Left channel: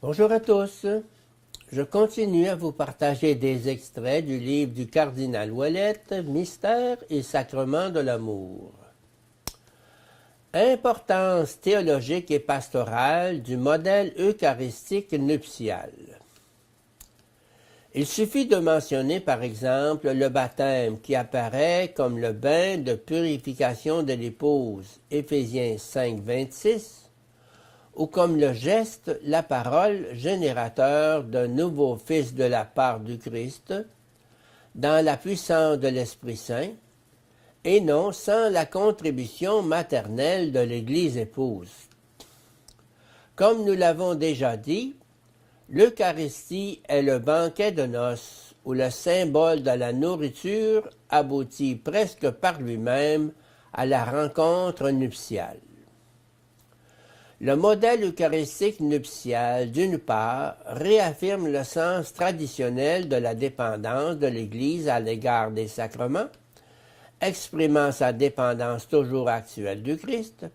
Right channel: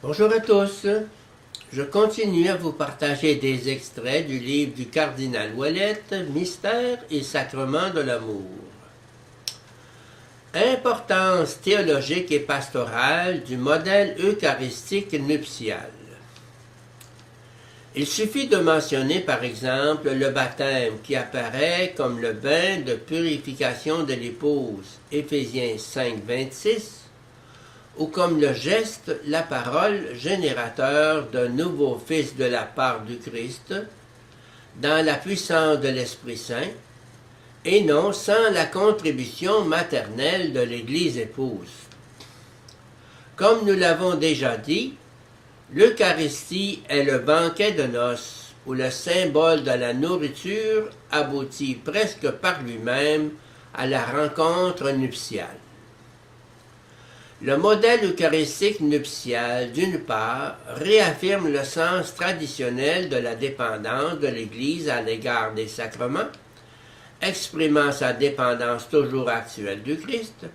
Bonjour à tous. Je continue à vous partager des extraits du livre du cardinal Ouellette, Mystère et sacrement de l'amour. Importance théologique et pastorale du modèle eucharistique nuptial. Il suffit de mentionner par exemple le baptême qui apparaît comme le bain de purification de l'épouse, Éphésiens 5, 26, ou comme le geste, la parole générateur d'un nouveau Fils de la part du Christ, dans la puissance de l'Esprit Saint, et non sans la contribution maternelle de l'Église épouse. Comme nous l'avons déjà dit, l'Eucharistie est le banquet de noces, où le symbole de la nourriture aboutit presque par lui-même à la rencontre nuptiale. Le modèle eucharistique nuptial, d'une part, réaffirme le sens traditionnel de la dépendance de l'Église à l'égard des sacrements, exprimant sa dépendance toujours actuelle du Christ,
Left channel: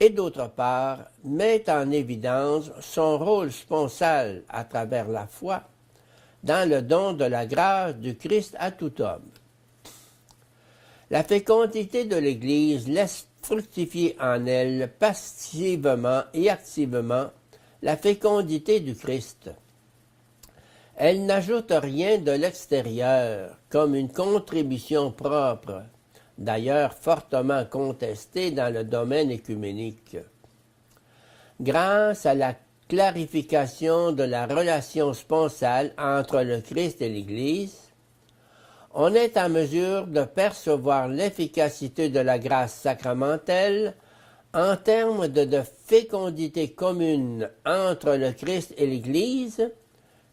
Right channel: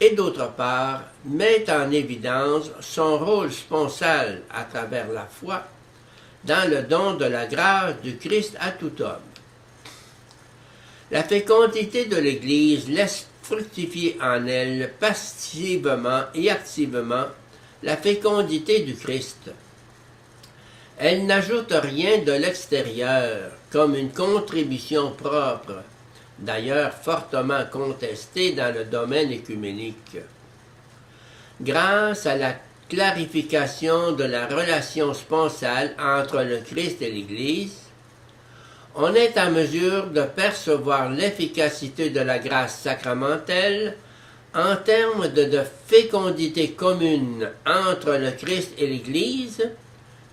et d'autre part, met en évidence son rôle sponsal à travers la foi dans le don de la grâce du Christ à tout homme. La fécondité de l'Église laisse fructifier en elle passivement et activement la fécondité du Christ. Elle n'ajoute rien de l'extérieur comme une contribution propre, d'ailleurs fortement contestée dans le domaine œcuménique. Grâce à la clarification de la relation sponsale entre le Christ et l'Église, on est en mesure de percevoir l'efficacité de la grâce sacramentelle en termes de fécondité commune entre le Christ et l'Église,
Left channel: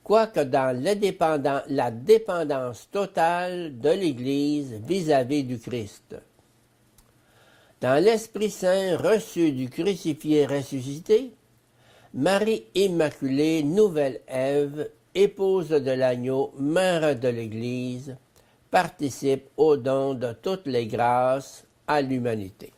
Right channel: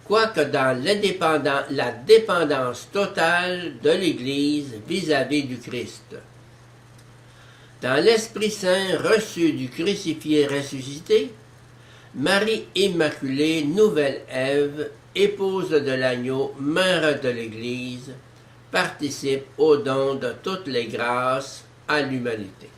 quoique dans la dépendance totale de l'Église vis-à-vis du Christ. Dans l'Esprit Saint reçu du crucifié ressuscité, Marie Immaculée, nouvelle Ève, épouse de l'agneau, mère de l'Église, participe au don de toutes les grâces à l'humanité.